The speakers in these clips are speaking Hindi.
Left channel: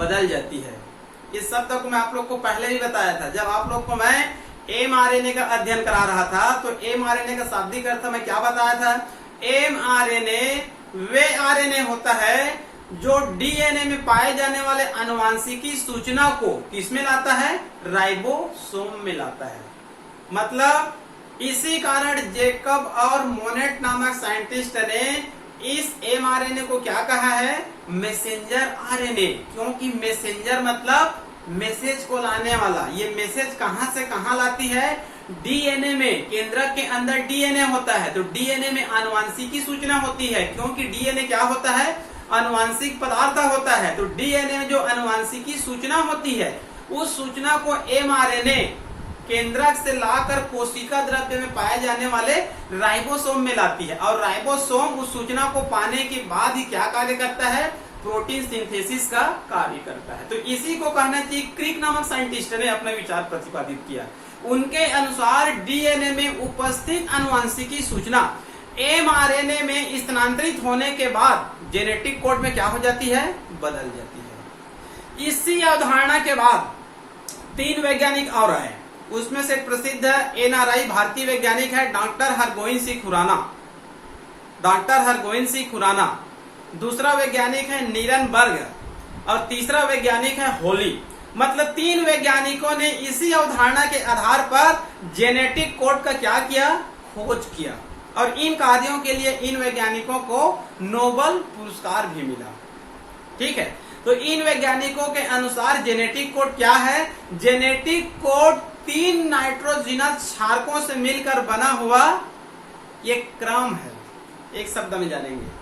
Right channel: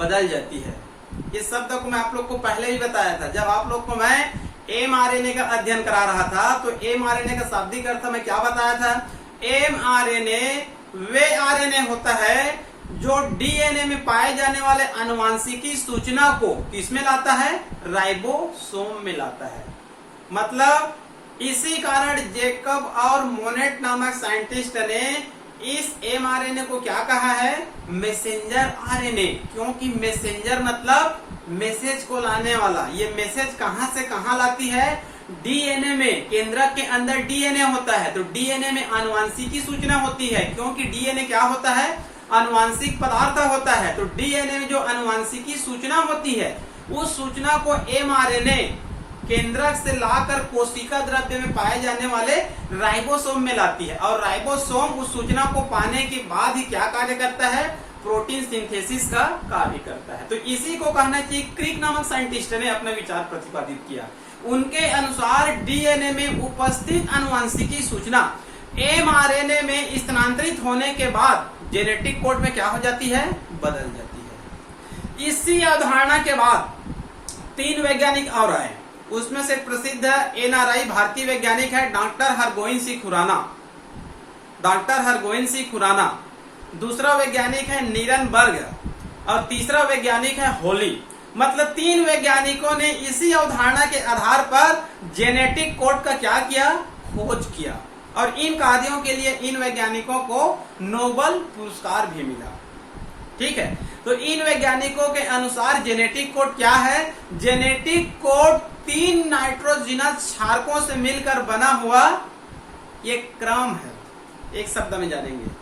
बदल जाती है। इस शब्द को मैं आप लोग को पहले भी बताया था, जब आप लोग को मैं mRNA का अध्ययन करा रहा था तो mRNA का शाब्दिक अर्थ मैं क्या बताया था? mRNA वे RNA होता है जो डीएनए में पाए जाने वाले आनुवांशिकी सूचना को किसमें लाता है? राइबोसोम में लाता है। मतलब इसी कारण जेकब और मोनेट नामक साइंटिस्ट ने इस mRNA को क्या कहा है? Messenger RNA. क्योंकि मैसेंजर मतलब मैसेज को लाने वाला। ये मैसेज कहां से कहां लाती है? डीएनए में। केंद्रक के अंदर डीएनए होता है तो डीएनए में आनुवांशिकी सूचना होती है। क्योंकि डीएनए क्या होता है? आनुवांशिक पदार्थ होता है। तो डीएनए में जो आनुवांशिकी सूचना होती है उस सूचना को mRNA केंद्रक से लाकर कोशिका द्रव्य में पाए जाने वाले राइबोसोम में लाती है। और राइबोसोम उस सूचना को पाने के बाद ही क्या कार्य करता है? प्रोटीन सिंथेसिस का कार्य करता है। तो इसी को कहना चाहिए क्रिक नामक साइंटिस्ट ने अपना विचार प्रतिपादित किया। उनके अनुसार डीएनए में उपस्थित आनुवांशिकी सूचना mRNA में स्थानांतरित होने के बाद जेनेटिक कोड में क्या हो जाती है? बदल जाती है। इसी अवधारणा के बाद 3 वैज्ञानिक और आए। उसमें से प्रसिद्ध एनआरआई भारतीय वैज्ञानिक है डॉक्टर हरगोविंद सिंह खुराना। डॉक्टर हरगोविंद सिंह खुराना। दूसरा वैज्ञानिक है नीरनबर्ग और तीसरा वैज्ञानिक है होली। मतलब 3 वैज्ञानिकों ने इसी अवधारणा के आधार पर जेनेटिक कोड का क्या किया? खोज किया। और इन कार्यों के लिए इन वैज्ञानिकों को नोबेल पुरस्कार भी मिला। ठीक है, तो इन वैज्ञानिकों के अनुसार जेनेटिक कोड क्या है? जेनेटिक कोड 3 नाइट्रोजिनस क्षारकों से मिलकर बना हुआ एक क्रम है। एक शब्द में जानेंगे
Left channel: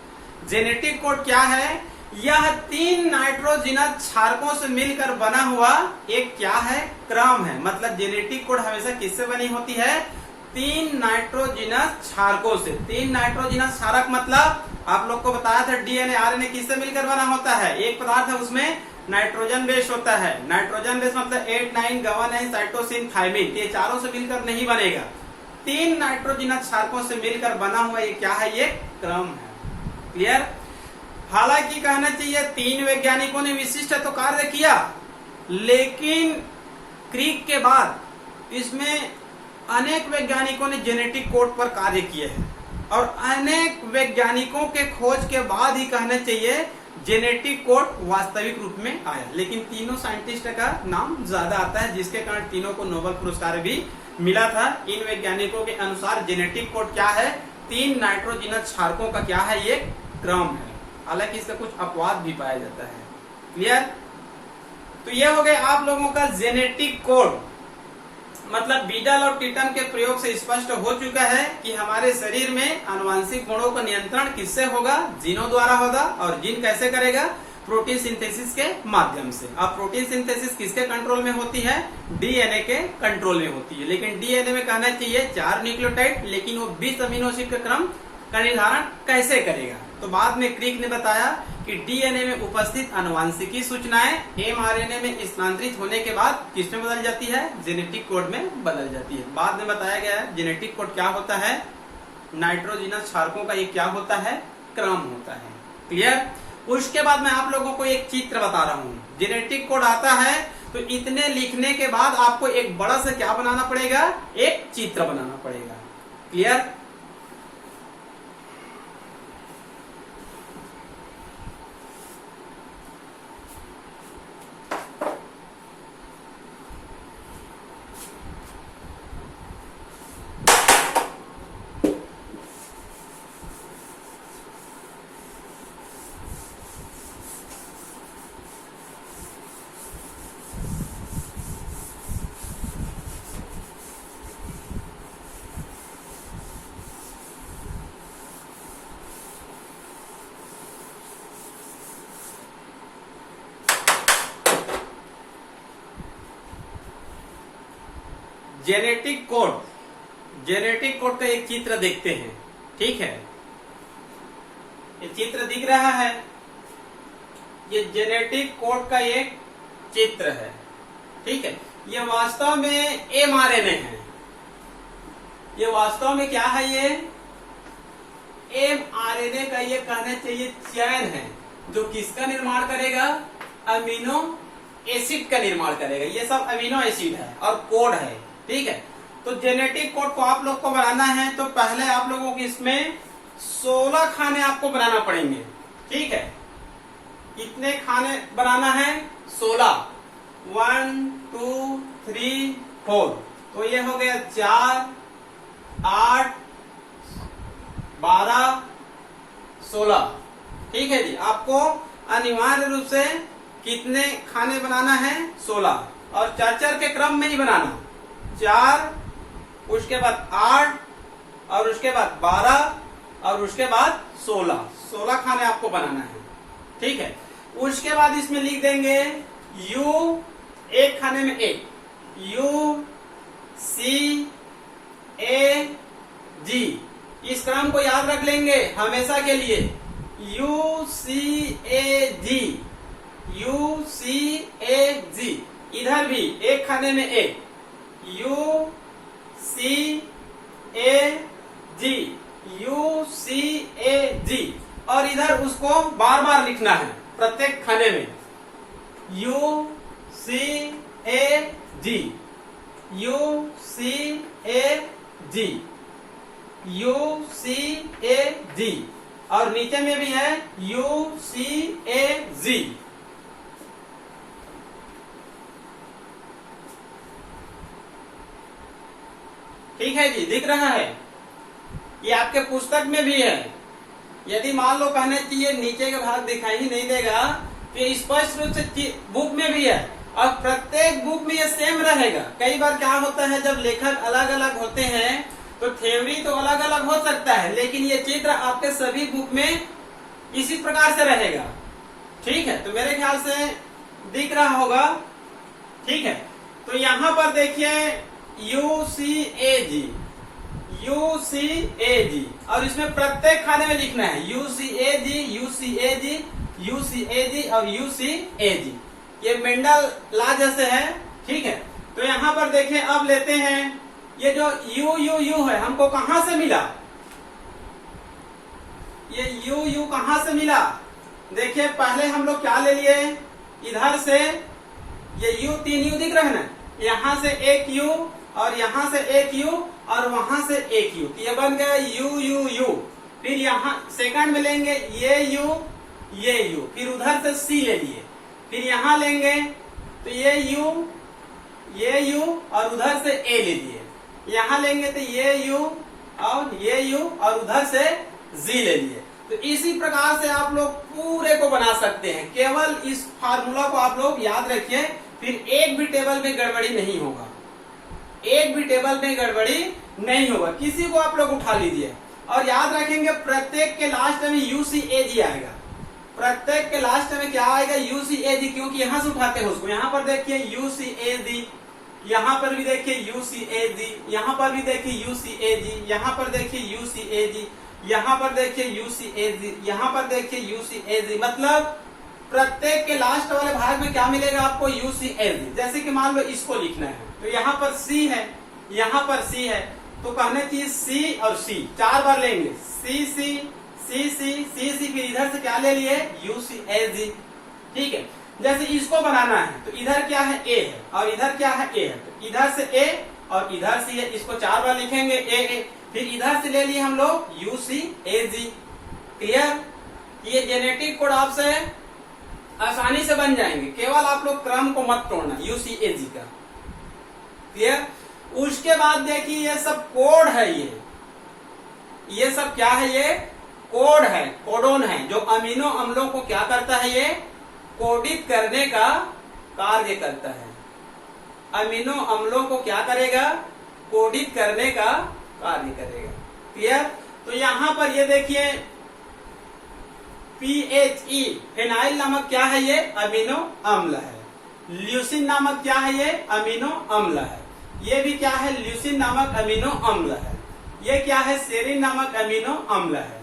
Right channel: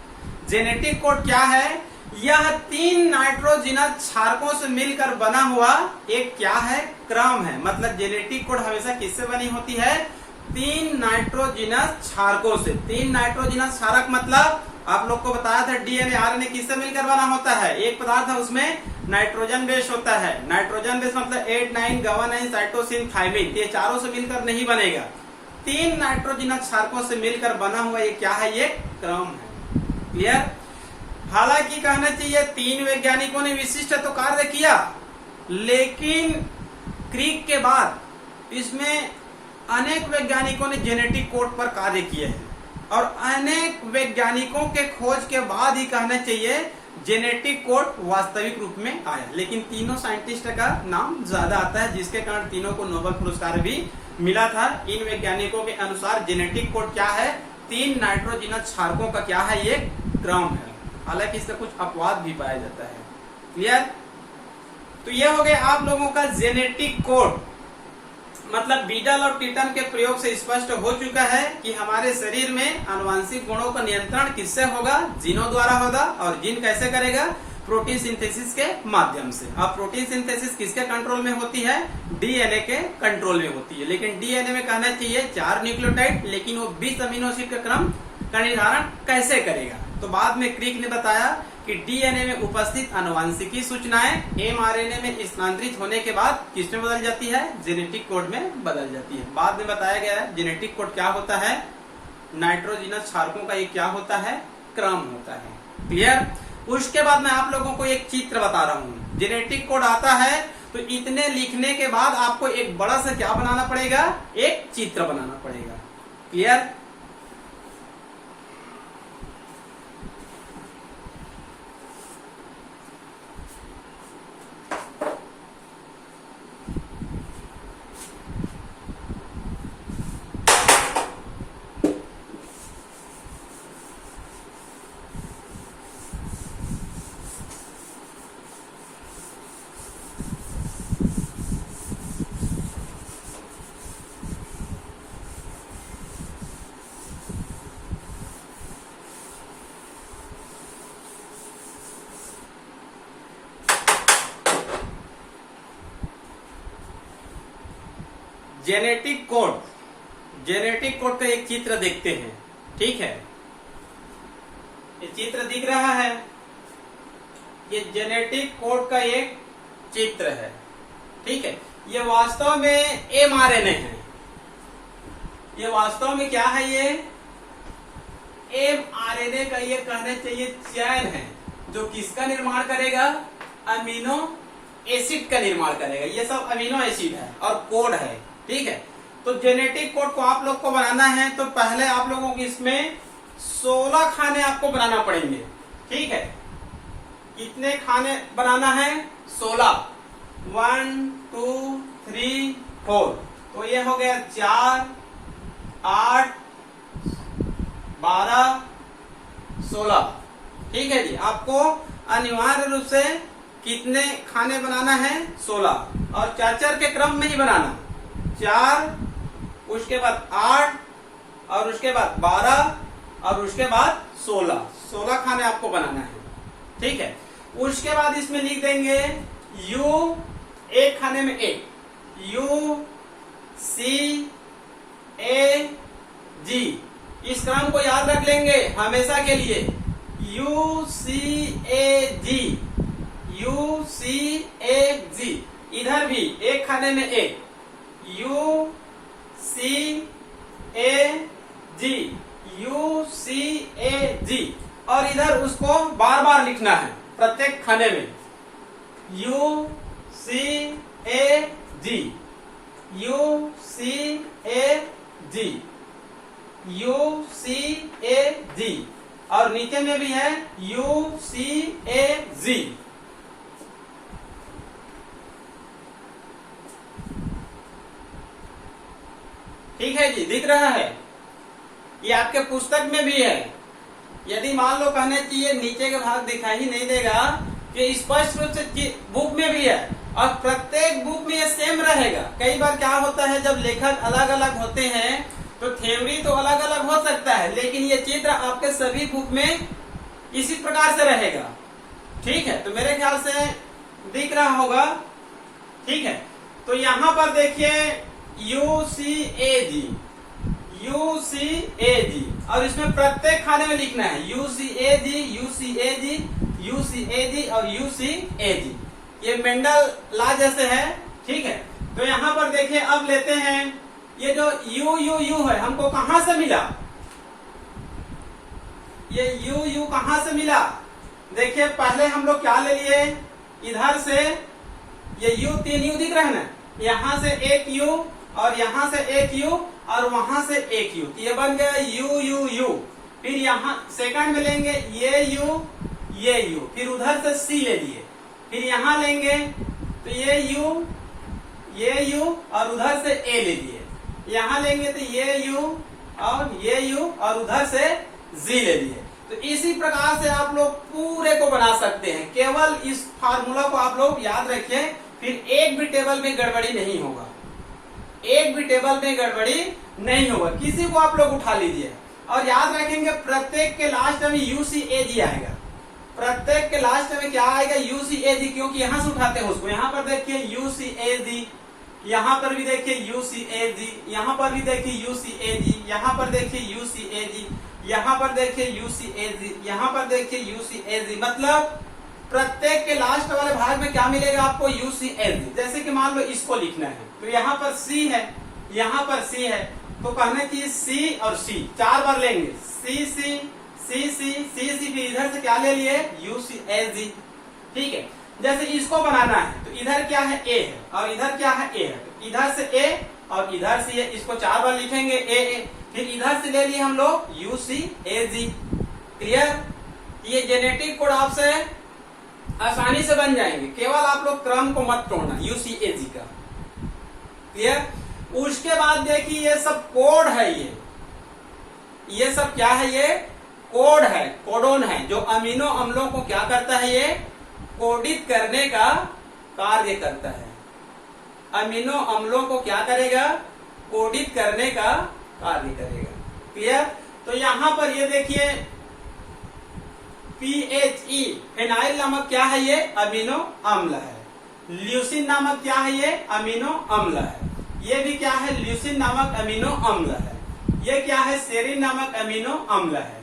जेनेटिक कोड क्या है? यह 3 नाइट्रोजिनस क्षारकों से मिलकर बना हुआ एक क्या है? क्रम है। मतलब जेनेटिक कोड हमेशा किससे बनी होती है? 3 नाइट्रोजिनस क्षारकों से। 3 नाइट्रोजिनस क्षारक मतलब आप लोग को बताया था डीएनए आरएनए किससे मिलकर बना होता है? एक पदार्थ है उसमें नाइट्रोजन बेस होता है। नाइट्रोजन बेस मतलब 8, 9, गवानाइन, साइटोसिन, थायमिन। ये चारों से मिलकर नहीं बनेगा। 3 नाइट्रोजिनस क्षारकों से मिलकर बना हुआ ये क्या है? ये क्रम है। क्लियर? हालांकि कहना चाहिए 3 वैज्ञानिकों ने विशिष्ट तो कार्य किया, लेकिन क्रिक के बाद इसमें अनेक वैज्ञानिकों ने जेनेटिक कोड पर कार्य किए हैं और अनेक वैज्ञानिकों के खोज के बाद ही कहना चाहिए जेनेटिक कोड वास्तविक रूप में आया। लेकिन तीनों साइंटिस्ट का नाम ज्यादा आता है, जिसके कारण तीनों को नोबेल पुरस्कार भी मिला था। इन वैज्ञानिकों के अनुसार जेनेटिक कोड क्या है? 3 नाइट्रोजिनस क्षारकों का क्या है? ये क्रम है। हालांकि इससे कुछ अपवाद भी पाया जाता है। क्लियर? तो ये हो गए आप लोगों का जेनेटिक कोड। मतलब बीटल और टीटम के प्रयोग से स्पष्ट हो चुका है कि हमारे शरीर में आनुवांशिक गुणों का नियंत्रण किससे होगा? जीनों द्वारा होगा। और जीन कैसे करेगा? प्रोटीन सिंथेसिस के माध्यम से। अब प्रोटीन सिंथेसिस किसके कंट्रोल में होती है? डीएनए के कंट्रोल में होती है। लेकिन डीएनए में कहना चाहिए 4 न्यूक्लियोटाइड, लेकिन वो 20 अमीनो एसिड का क्रम का निर्धारण कैसे करेगा? तो बाद में क्रिक ने बताया कि डीएनए में उपस्थित आनुवांशिकी सूचनाएं mRNA में स्थानांतरित होने के बाद किसमें बदल जाती है? जेनेटिक कोड में बदल जाती है। बाद में बताया गया है जेनेटिक कोड क्या होता है? नाइट्रोजिनस क्षारकों का ये क्या होता है? क्रम होता है। क्लियर? उसके बाद मैं आप लोगों को एक चित्र बता रहा हूँ। जेनेटिक कोड आता है तो इतने लिखने के बाद आपको एक बड़ा सा क्या बनाना पड़ेगा? एक चित्र बनाना पड़ेगा। क्लियर? जेनेटिक कोड का एक चित्र देखते हैं। ठीक है, ये चित्र दिख रहा है, ये जेनेटिक कोड का एक चित्र है। ठीक है, ये वास्तव में mRNA है। ये वास्तव में क्या है? ये mRNA का ये कहना चाहिए चैन है जो किसका निर्माण करेगा? अमीनो एसिड का निर्माण करेगा। ये सब अमीनो एसिड है और कोड है, ठीक है। तो जेनेटिक कोड को आप लोग को बनाना है तो पहले आप लोगों को इसमें 16 खाने आपको बनाना पड़ेंगे, ठीक है। कितने खाने बनाना है? 16। 1 2 3 4। तो ये हो गया 4 8 12 16, ठीक है जी। आपको अनिवार्य रूप से कितने खाने बनाना है? 16, और 4 के क्रम में ही बनाना। 4, उसके बाद 8, और उसके बाद 12, और उसके बाद 16 खाने आपको बनाना है, ठीक है। उसके बाद इसमें लिख देंगे U, एक खाने में एक, U C A G। इस क्रम को याद रख लेंगे हमेशा के लिए, U C A G, U C A G। इधर भी एक खाने में एक, U C A G, U C A G, और इधर उसको बार बार लिखना है प्रत्येक खाने में, U C A G, U C A G, U C A G, और नीचे में भी है U C A G। ठीक है जी, दिख रहा है? ये आपके पुस्तक में भी है। यदि मान लो कहने की ये नीचे के भाग दिखाई ही नहीं देगा, कि स्पष्ट रूप से बुक में भी है, और प्रत्येक बुक में ये सेम रहेगा। कई बार क्या होता है, जब लेखक अलग अलग होते हैं तो थ्योरी तो अलग अलग हो सकता है, लेकिन ये चित्र आपके सभी बुक में इसी प्रकार से रहेगा, ठीक है। तो मेरे ख्याल से दिख रहा होगा, ठीक है। तो यहाँ पर देखिए UCAG, UCAG, और इसमें प्रत्येक खाने में लिखना है UCAG, UCAG, UCAG और UCAG। ये मेंडल लॉ जैसे है, ठीक है। तो यहाँ पर देखिए, अब लेते हैं ये जो U है, हमको कहां से मिला? ये U कहां से मिला? देखिए पहले हम लोग क्या ले लिए, इधर से ये U, 3 U दिख रहा है ना, यहाँ से एक U, और यहाँ से एक U, और वहां से एक U, ये बन गया U। फिर यहाँ सेकंड में लेंगे ये U, फिर उधर से C ले लिए, फिर यहाँ लेंगे तो ये U, और उधर से A ले लिए, यहाँ लेंगे तो ये U, और उधर से Z ले लिए। तो इसी प्रकार से आप लोग पूरे को बना सकते हैं। केवल इस फार्मूला को आप लोग याद रखिए, फिर एक भी टेबल में गड़बड़ी नहीं होगा, एक भी टेबल में गड़बड़ी नहीं होगा। किसी को आप लोग उठा लीजिए, और याद रखेंगे प्रत्येक के लास्ट में UCAG आएगा। प्रत्येक के लास्ट में क्या आएगा? UCAG, क्योंकि यहां से उठाते हैं उसको। यहाँ पर देखिए UCAG, यहाँ पर भी देखिए UCAG, यहाँ पर भी देखिए UCAG, यहाँ पर देखिए UCAG, यहाँ पर देखिए UCAG, यहाँ पर देखिए UCAG। मतलब प्रत्येक के लास्ट वाले भाग में क्या मिलेगा आपको? UCAG। जैसे कि मान लो इसको लिखना है, तो यहाँ पर C है, यहाँ पर C है, तो कहने चाहिए C और C 4 बार लेंगे, CC, फिर इधर से क्या ले लिए? UCAG, ठीक है। जैसे इसको बनाना है तो इधर क्या है? A है, और इधर क्या है? A है, तो इधर से A और इधर से A, इसको 4 बार लिखेंगे A। फिर इधर से ले लिए हम लोग UCAG। क्लियर? ये जेनेटिक कोड आपसे आसानी से बन जाएंगे, केवल आप लोग क्रम को मत तोड़ना UCAG का। क्लियर? उसके बाद देखिए ये सब कोड है, ये सब क्या है? ये कोड है, कोडोन है, जो अमीनो अम्लों को क्या करता है? ये कोडित करने का कार्य करता है। अमीनो अम्लों को क्या करेगा? कोडित करने का कार्य करेगा। क्लियर? तो यहाँ पर ये देखिए PHE, फेनाइल नामक क्या है? ये अमीनो अम्ल है। ल्यूसिन नामक क्या है? ये अमीनो अम्ल है। ये भी क्या है? ल्यूसिन नामक अमीनो अम्ल है। ये क्या है? सेरिन नामक अमीनो अम्ल है।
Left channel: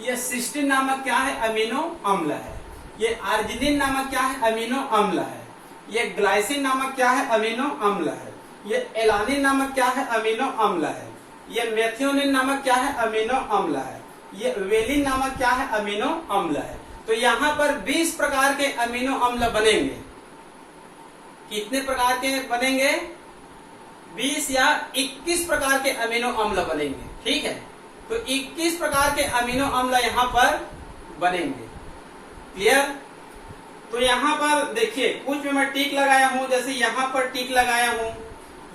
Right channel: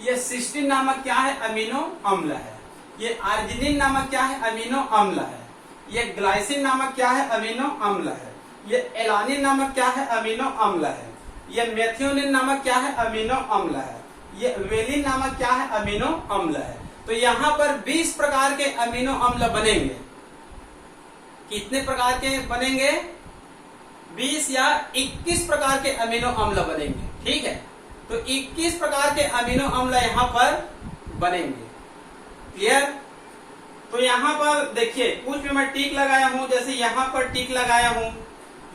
ये सिस्टीन नामक क्या है? अमीनो अम्ल है। ये अर्जिनिन नामक क्या है? अमीनो अम्ल है। ये ग्लाइसिन नामक क्या है? अमीनो अम्ल है। ये एलानिन नामक क्या है? अमीनो अम्ल है। ये मेथियोनिन नामक क्या है? अमीनो अम्ल है। ये वेलिन नामक क्या है? अमीनो अम्ल है। तो यहां पर 20 प्रकार के अमीनो अम्ल बनेंगे। कितने प्रकार के बनेंगे? 20 या 21 प्रकार के अमीनो अम्ल बनेंगे। ठीक है, तो 21 प्रकार के अमीनो अम्ल यहां पर बनेंगे। क्लियर? तो यहां पर देखिए, कुछ भी मैं टिक लगाया हूं, जैसे यहां पर टिक लगाया हूं,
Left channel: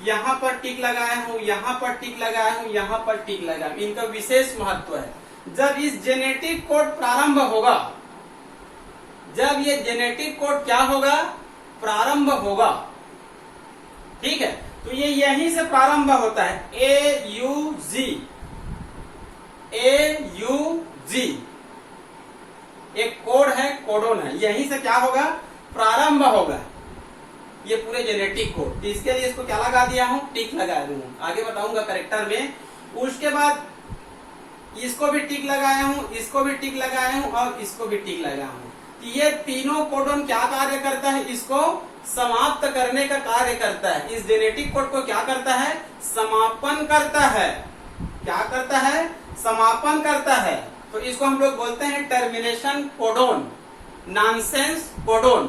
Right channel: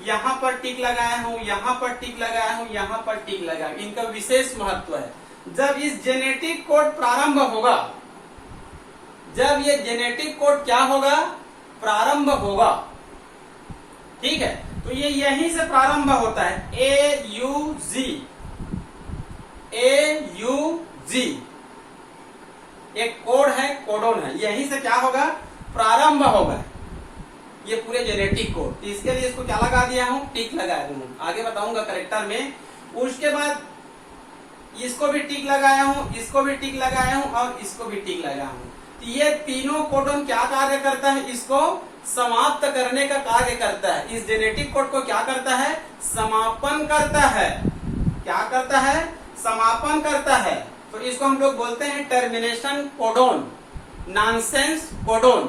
यहां पर टिक लगाया हूं, यहां पर टिक लगाया हूं, यहां पर टिक लगाया हूं। इनका विशेष महत्व है। जब इस जेनेटिक कोड प्रारंभ होगा, जब ये जेनेटिक कोड क्या होगा? प्रारंभ होगा। ठीक है, तो ये यहीं से प्रारंभ होता है। AUG, एक कोड है, कोडोन है, यहीं से क्या होगा? प्रारंभ होगा ये पूरे जेनेटिक कोड। तो इसके लिए इसको क्या लगा दिया हूं? टिक लगा दूंगा, आगे बताऊंगा करेक्टर में। उसके बाद इसको भी टिक लगाया हूं, इसको भी टिक लगाया हूं और इसको भी टिक लगाया हूं। तो ये तीनों कोडोन क्या कार्य करता है? इसको समाप्त करने का कार्य करता है। इस जेनेटिक कोड को क्या करता है? समापन करता है। क्या करता है? समापन करता है। तो इसको हम लोग बोलते हैं टर्मिनेशन कोडोन, नॉनसेंस कोडोन।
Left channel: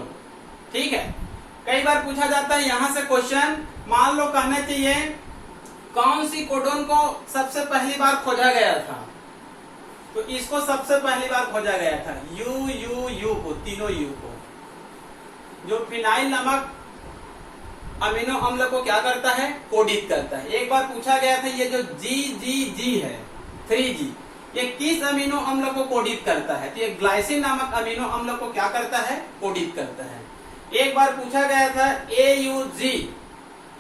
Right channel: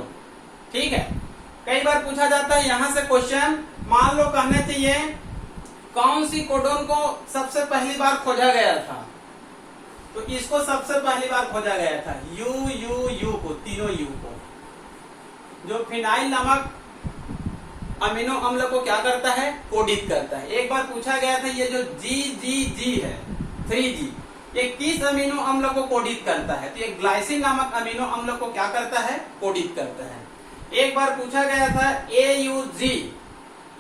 ठीक है, कई बार पूछा जाता है यहां से क्वेश्चन, मान लो कहना चाहिए कौन सी कोडोन को सबसे पहली बार खोजा गया था? तो इसको सबसे पहली बार खोजा गया था यू को, तीनों यू को, जो फिनाइल नामक अमीनो अम्ल को क्या करता है? कोडित करता है। एक बार पूछा गया था ये जो जी है 3G, ये किस अमीनो अम्ल को कोडित करता है? तो ये ग्लाइसिन नामक अमीनो अम्ल को क्या करता है? कोडित करता है। एक बार पूछा गया था AUG,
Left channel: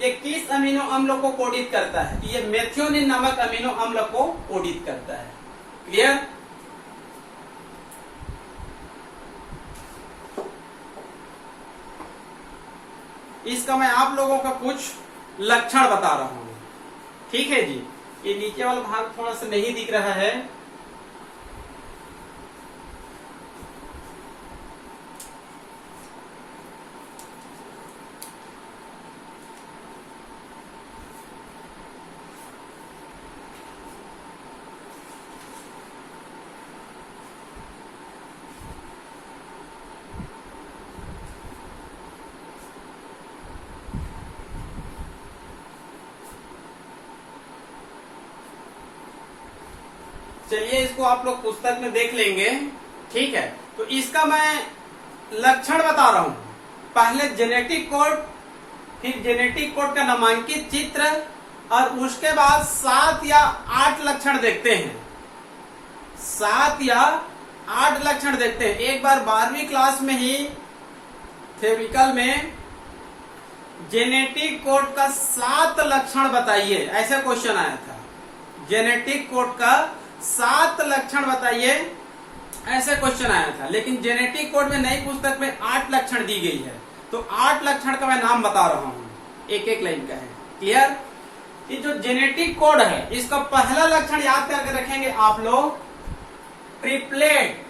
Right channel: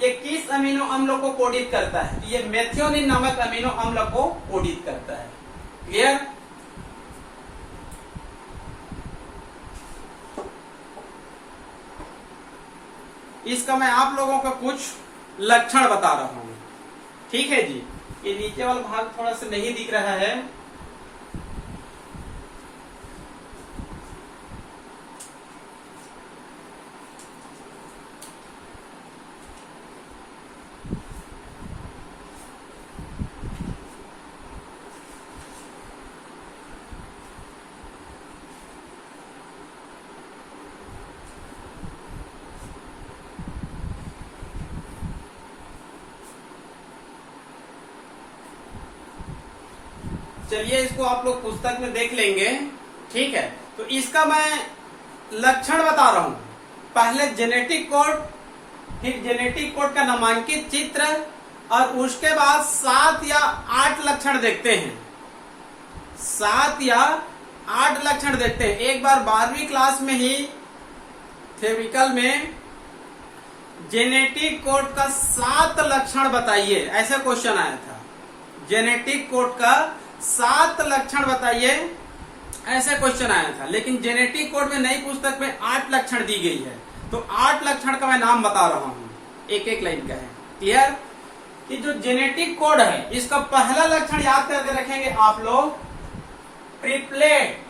ये किस अमीनो अम्ल को कोडित करता है? ये मेथियोनिन नामक अमीनो अम्ल को कोडित करता है। क्लियर? इसका मैं आप लोगों का कुछ लक्षण बता रहा हूं। ठीक है जी, ये नीचे वाला भाग थोड़ा सा नहीं दिख रहा है। चलिए, इसको आप लोग पुस्तक में देख लेंगे। ठीक है, तो इसका मैं लक्षण बता रहा हूं। पहले जेनेटिक कोड, फिर जेनेटिक कोड का नामांकित चित्र, और उसके बाद 7 या 8 लक्षण देखते हैं। 7 या 8 लक्षण देखते हैं। एक बार 12वीं क्लास में ही थ्योरिकल में जेनेटिक कोड का 7 लक्षण बताइए, ऐसा क्वेश्चन आया था। जेनेटिक कोड का 7 लक्षण बताइए, ऐसा क्वेश्चन आया था। लेकिन जेनेटिक कोड में नई पुस्तक में 8 लक्षण दी गई है। तो 8 लक्षण का मैं नाम बता रहा हूं, एक एक लाइन का है। क्लियर? कि जो जेनेटिक कोड है, इसका पहला लक्षण याद करके रखेंगे आप लोग, ट्रिपलेट।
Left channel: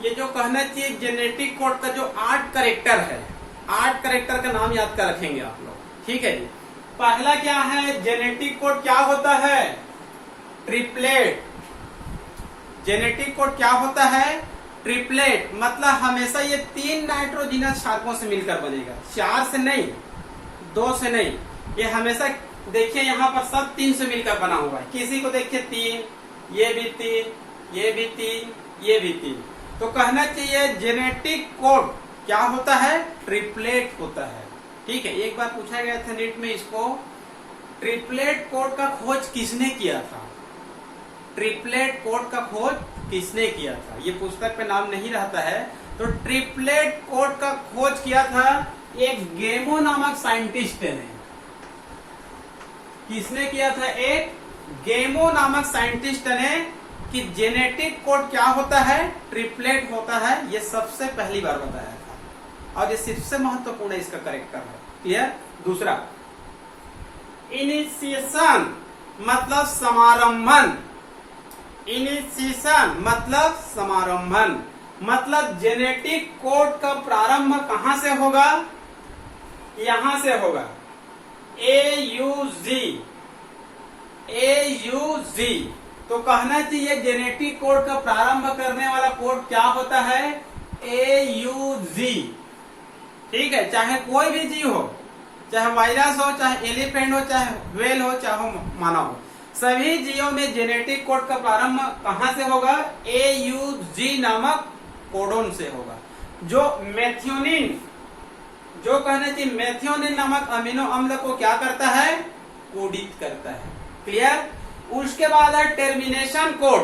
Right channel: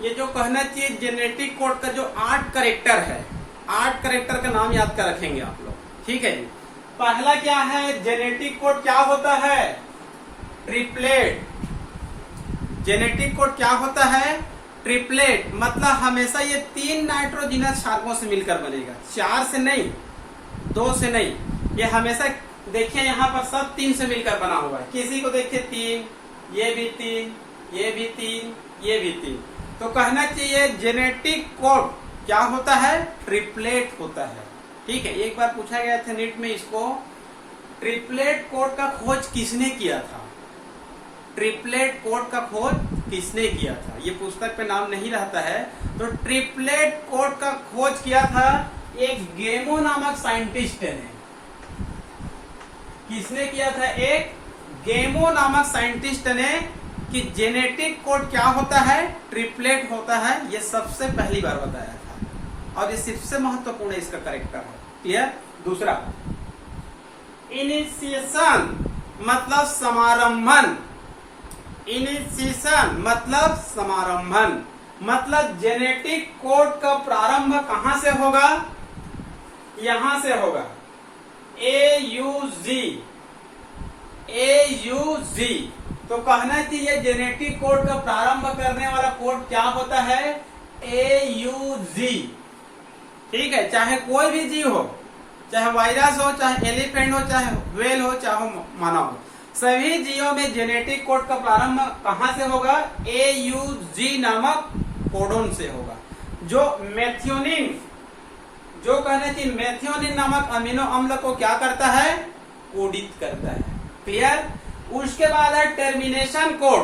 ये जो कहना चाहिए जेनेटिक कोड का जो 8 कैरेक्टर है, 8 कैरेक्टर का नाम याद कर रखेंगे आप लोग। ठीक है जी। पहला क्या है? जेनेटिक कोड क्या होता है? ट्रिपलेट। जेनेटिक कोड क्या होता है? ट्रिपलेट। मतलब हमेशा ये 3 नाइट्रोजिनस क्षारकों से मिलकर बनेगा, 4 से नहीं, 2 से नहीं, ये हमेशा तो देखिए यहाँ पर सब 3 से मिलकर बना हुआ है। किसी को देखिए 3, ये भी 3, ये भी 3, ये भी 3। तो कहना चाहिए जेनेटिक कोड क्या होता है? ट्रिपलेट होता है। ठीक है, एक बार पूछा गया था नीट में, इसको ट्रिपलेट कोड का खोज किसने किया था? ट्रिपलेट कोड का खोज किसने किया था? ये पुस्तक पे नाम नहीं रहता है। तो ट्रिपलेट कोड का खोज किया था एक गेमो नामक साइंटिस्ट ने। किसने किया था? एक गेमो नामक साइंटिस्ट ने, कि जेनेटिक कोड क्या होता है? ट्रिपलेट होता है। ये सबसे पहली बार बताया था और ये सबसे महत्वपूर्ण इसका करेक्टर है। क्लियर? दूसरा, इनिशिएशन मतलब समारंभन। इनिशिएशन मतलब समारंभन, मतलब जेनेटिक कोड का प्रारंभ कहां से होगा? यहां से होगा। AUG। तो कहना चाहिए जेनेटिक कोड का प्रारंभ करने वाला कोड क्या होता है? AUG। ठीक है, चाहे कोई भी जीव हो, चाहे वायरस हो, चाहे एलिफेंट हो, चाहे व्हेल हो, चाहे मानव हो, सभी जीवों में जेनेटिक कोड का प्रारंभ कहां से होगा? AUG नामक कोडोन से होगा। जो मेथियोनिन, जो कहना चाहिए मेथियोनिन नामक अमीनो अम्ल को क्या करता है? कोडित करता है। क्लियर? उसके बाद है टर्मिनेशन कोड,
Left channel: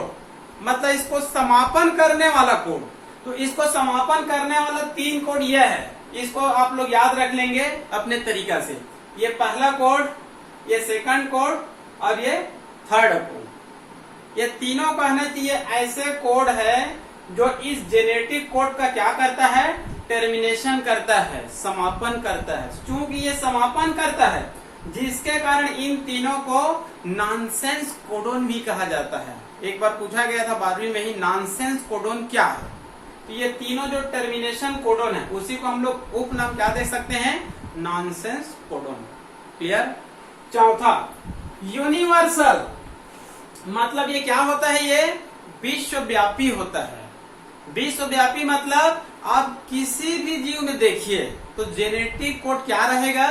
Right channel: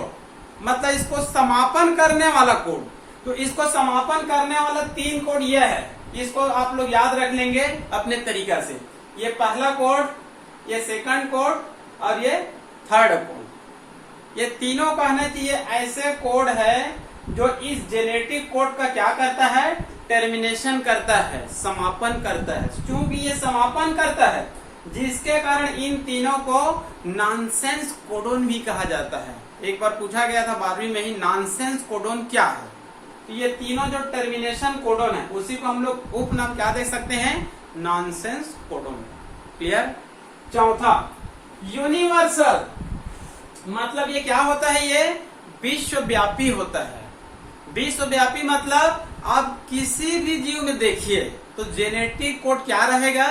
मतलब इसको समापन करने वाला कोड। तो इसको समापन करने वाला 3 कोड यह है, इसको आप लोग याद रख लेंगे अपने तरीका से। ये पहला कोड, ये सेकंड कोड और ये थर्ड कोड। ये तीनों कहना चाहिए ऐसे कोड है जो इस जेनेटिक कोड का क्या करता है? टर्मिनेशन करता है, समापन करता है। क्योंकि ये समापन करता है, जिसके कारण इन तीनों को नॉनसेंस कोडोन भी कहा जाता है। एक बार पूछा गया था 12वीं में ही, नॉनसेंस कोडोन क्या है? तो ये तीनों जो टर्मिनेशन कोडोन है, उसी को हम लोग उपनाम क्या दे सकते हैं? Nonsense codon. क्लियर? चौथा, यूनिवर्सल मतलब ये क्या होता है? ये विश्वव्यापी होता है। विश्वव्यापी मतलब आप किसी भी जीव में देखिए तो जेनेटिक कोड क्या रहेगा?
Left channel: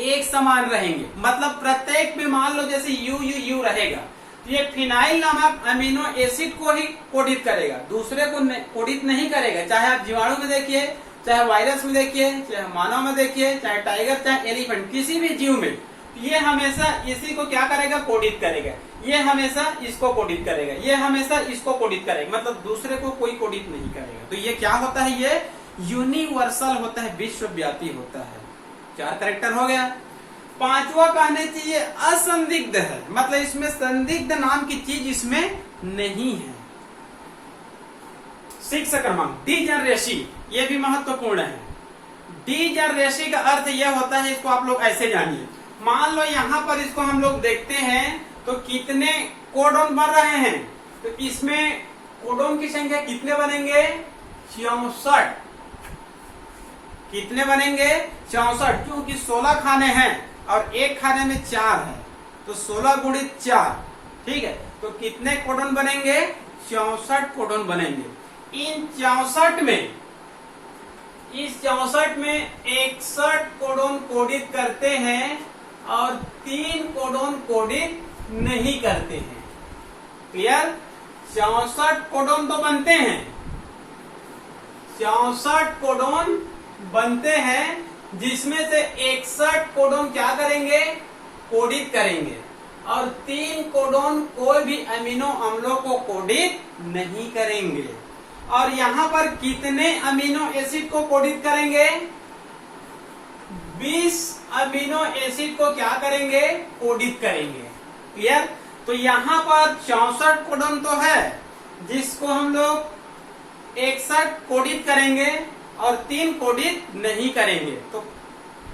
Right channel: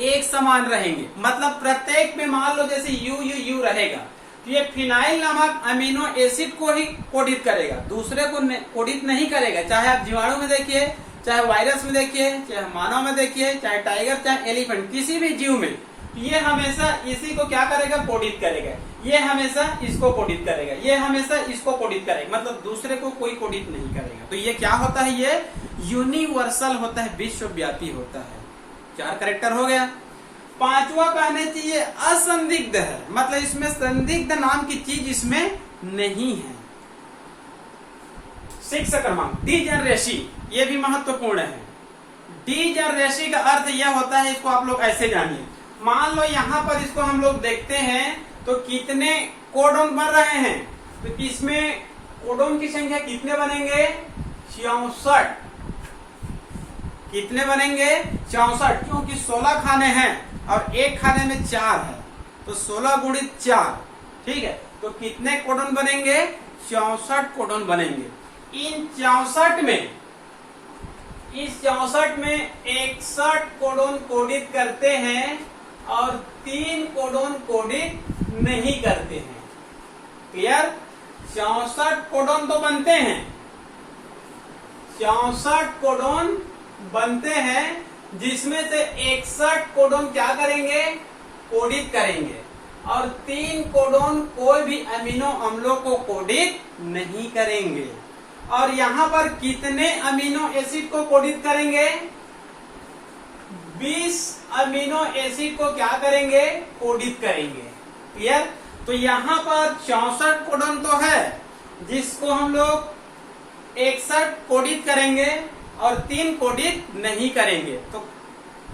एक समान रहेंगे। मतलब प्रत्येक में मान लो जैसे यू रहेगा, तो ये फिनाइल नामक अमीनो एसिड को ही कोडित करेगा, दूसरे को कोडित नहीं करेगा। चाहे आप जीवाणु में देखिए, चाहे वायरस में देखिए, चाहे मानव में देखिए, चाहे टाइगर, चाहे एलिफेंट, किसी भी जीव में ये हमेशा इसी को क्या करेगा? कोडित करेगा। ये हमेशा इसको कोडित करेगा, ये हमेशा इसको कोडित करेगा, मतलब दूसरे को कोई कोडित नहीं करेगा। तो ये क्या होता है? ये यूनिवर्सल होता है, विश्वव्यापी होता है। 4 कैरेक्टर हो गया। 5वां कहने चाहिए असंदिग्ध है, मतलब इसमें संदिग्ध नाम की चीज इसमें नहीं है। 6 क्रमांक, डीजनरेसी, ये भी महत्वपूर्ण है। डीजनरेसी का अर्थ यह होता है, इसको आप लोग ऐसे जानिए। मान लो यहाँ पर इसको हम लोग देखते हैं तो कितने कोडोन बन रहे हैं? तो इसमें कोडोन की संख्या कितने बनेंगे? 64। कितने बनेंगे? 64, क्योंकि 16 खाने हैं और एक खाने में 4 है, तो 16 गुणित 4। ठीक है, तो कितने कोडोन बनेंगे? 64 कोडोन बनेंगे। इन 64 में, इस 64 में 61 कोडोन कोडित करते हैं और 3 कोडोन कोडित नहीं करते हैं। क्लियर? 64 कोडोन तो बनते हैं, 64 कोडोन बनते हैं, जिसमें से 61 कोडोन क्या करेंगे? कोडित करेंगे, और 3 कोडोन कोई भी अमीनो अम्लों को कोडित नहीं करेंगे। और यहाँ पर कितने अमीनो एसिड को कोडित करेंगे? 20 अमीनो एसिड को क्या करेंगे? कोडित करेंगे। क्लियर? तो यहाँ पर 64 कोडोन तो है, जिसको हम लोग 61 कोडित करेंगे और 3 कोडित नहीं करेंगे। तो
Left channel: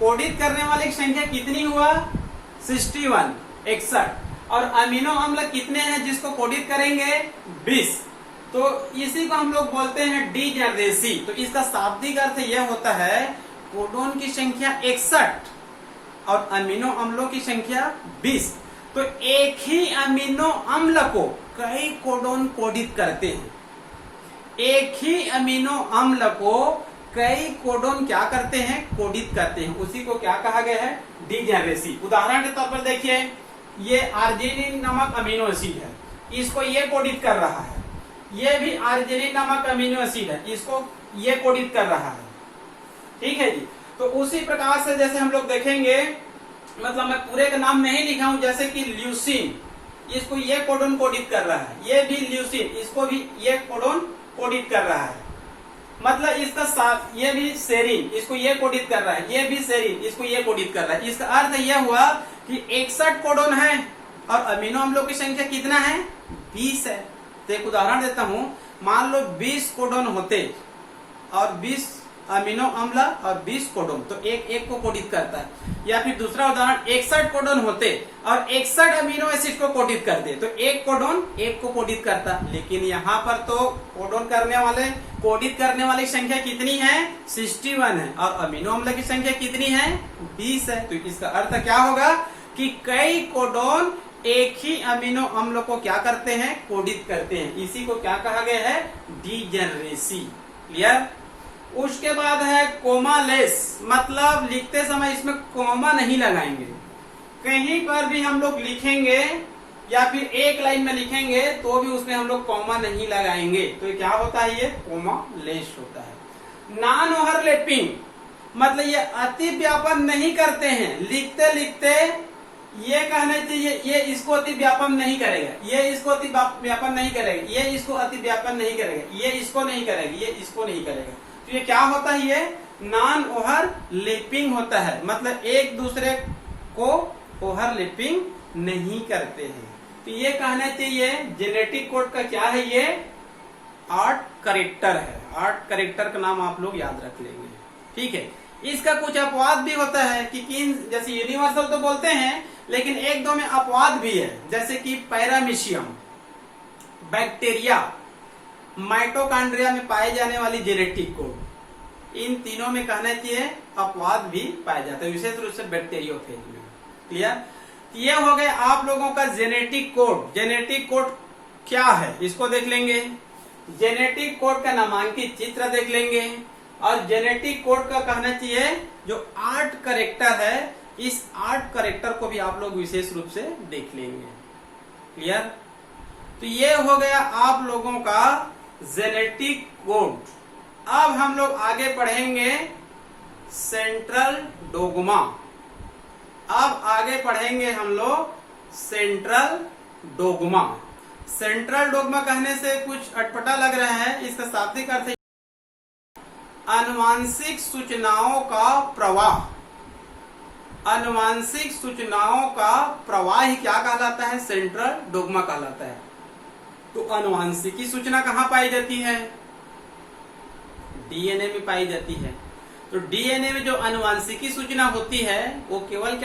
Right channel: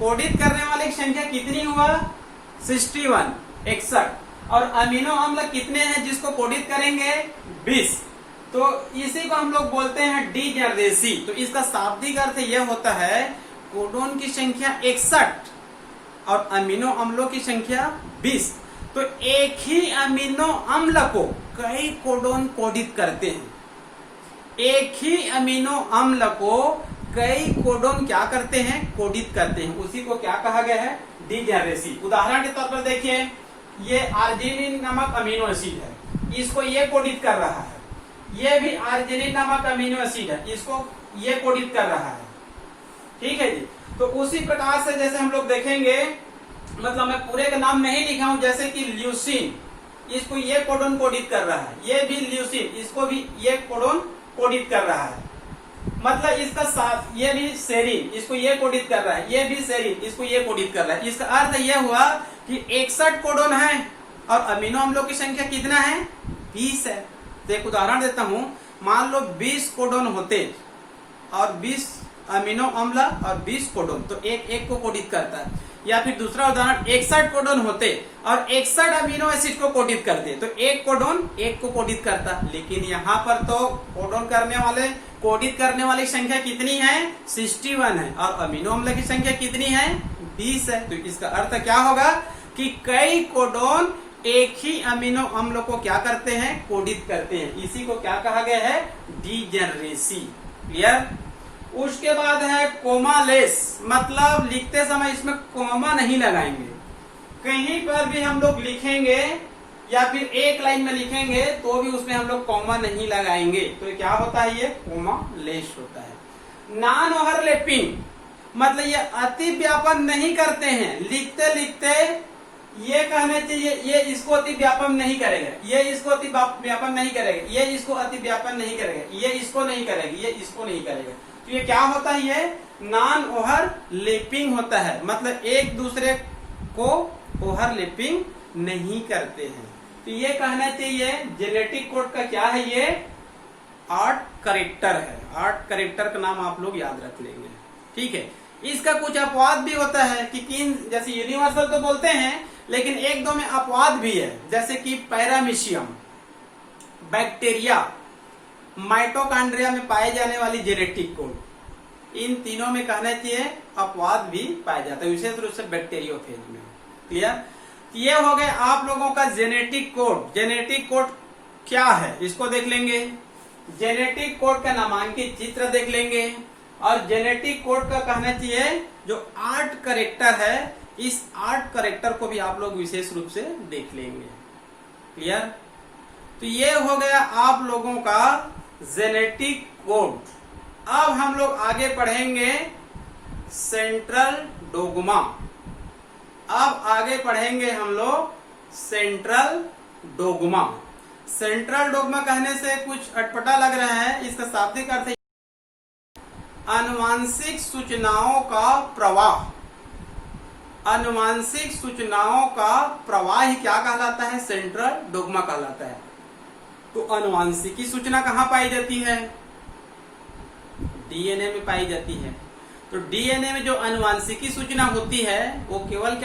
कोडित करने वाले की संख्या कितनी हुआ? 61, 61। और अमीनो अम्ल कितने हैं जिसको कोडित करेंगे? 20। तो इसी को हम लोग बोलते हैं डीजनरेसी। तो इसका शाब्दिक अर्थ यह होता है, कोडोन की संख्या 61 और अमीनो अम्लों की संख्या 20। तो एक ही अमीनो अम्ल को कई कोडोन कोडित करते हैं। एक ही अमीनो अम्ल को कई कोडोन क्या करते हैं, कोडित करते हैं, उसी को क्या कहा गया है, डीजेनरेसी। उदाहरण के तौर पर देखिए, ये आर्जिनिन नामक अमीनो एसिड है, इसको ये कोडित कर रहा है, ये भी आर्जिनिन नामक अमीनो एसिड है, इसको ये कोडित कर रहा है। ठीक है जी। तो उसी प्रकार से जैसे हम लोग देखेंगे, मतलब मैं पूरे का नाम नहीं लिखा हूं, जैसे कि ल्यूसिन, इसको ये कोडोन कोडित कर रहा है, ये भी ल्यूसिन, इसको भी ये कोडोन कोडित कर रहा है। मतलब इसका साथ ये भी सेरिन, इसको ये कोडित कर रहा है, ये भी सेरिन, इसको ये कोडित कर रहा है। इसका अर्थ यह हुआ कि 61 कोडोन है और अमीनो अम्लों की संख्या कितना है, 20 है। तो एक उदाहरण देता हूं, मान लो 20 कोडोन होते और 20 अमीनो अम्ल और 20 कोडोन, तो एक एक को कोडित करता है। या फिर दूसरा उदाहरण, 61 कोडोन होते और 61 अमीनो एसिड को कोडित करते, तो एक कोडोन एक को कोडित करता। लेकिन यहाँ पर तो कोडोन करने वाले, कोडित करने वाली संख्या कितनी है, 61 है, और अमीनो अम्ल की संख्या कितनी है, 20 है। तो इसका अर्थ क्या होगा कि कई कोडोन एक ही अमीनो अम्ल को क्या करते हैं, कोडित करते हैं। इसी को क्या कहा गया है, डीजेनरेसी। क्लियर। उसके बाद है कोमालेस, मतलब लिखते समय इसमें कोमा नहीं लगाएंगे, कहीं पर भी हम लोग लिखेंगे या फिर एक लाइन में लिखेंगे तो भी उसमें हम लोग कोमा नहीं लगाएंगे। तो ये क्या होता है, ये कोमालेस होता है। नॉन ओवरलैपिंग, मतलब ये अति व्यापन नहीं करते हैं, लिखते लिखते ये कहना चाहिए ये इसको अति व्यापन नहीं करेगा, ये इसको अति व्यापन नहीं करेगा, ये इसको अति व्यापन नहीं करेगा, ये इसको नहीं करेगा, ये इसको नहीं करेगा। तो ये क्या होता है, ये नॉन ओवरलैपिंग होता है, मतलब एक दूसरे को ओवरलैपिंग नहीं करते हैं। तो ये कहना चाहिए जेनेटिक कोड का क्या है, ये 8 कैरेक्टर है। 8 कैरेक्टर का नाम आप लोग याद रख लेंगे। ठीक है। इसका कुछ अपवाद भी होता है कि किन, जैसे यूनिवर्सल तो बोलते हैं लेकिन एक दो में अपवाद भी है, जैसे कि पैरामीशियम, बैक्टीरिया, माइटोकॉन्ड्रिया में पाए जाने वाली जेनेटिक कोड, इन तीनों में कहना चाहिए अपवाद भी पाया जाता है, विशेष रूप से बैक्टीरियोफेज में। क्लियर। ये हो गए आप लोगों का जेनेटिक कोड। जेनेटिक कोड क्या है इसको देख लेंगे, जेनेटिक कोड का नामांकित चित्र देख लेंगे, और जेनेटिक कोड का कहना चाहिए जो 8 कैरेक्टर है, इस 8 कैरेक्टर को भी आप लोग विशेष रूप से देख लेंगे। क्लियर। तो ये हो गया आप लोगों का जेनेटिक कोड। अब हम लोग आगे पढ़ेंगे सेंट्रल डोग्मा। अब आगे पढ़ेंगे हम लोग सेंट्रल डोग्मा। सेंट्रल डोग्मा कहने से कुछ अटपटा लग रहा है, इसका शाब्दिक अर्थ है आनुवांशिक सूचनाओं का प्रवाह। आनुवांशिक सूचनाओं का प्रवाह ही क्या कहलाता है, सेंट्रल डोग्मा कहलाता है। तो आनुवांशिकी सूचना कहाँ पाई जाती है, डीएनए में पाई जाती है। तो डीएनए में जो आनुवांशिकी सूचना होती है वो केवल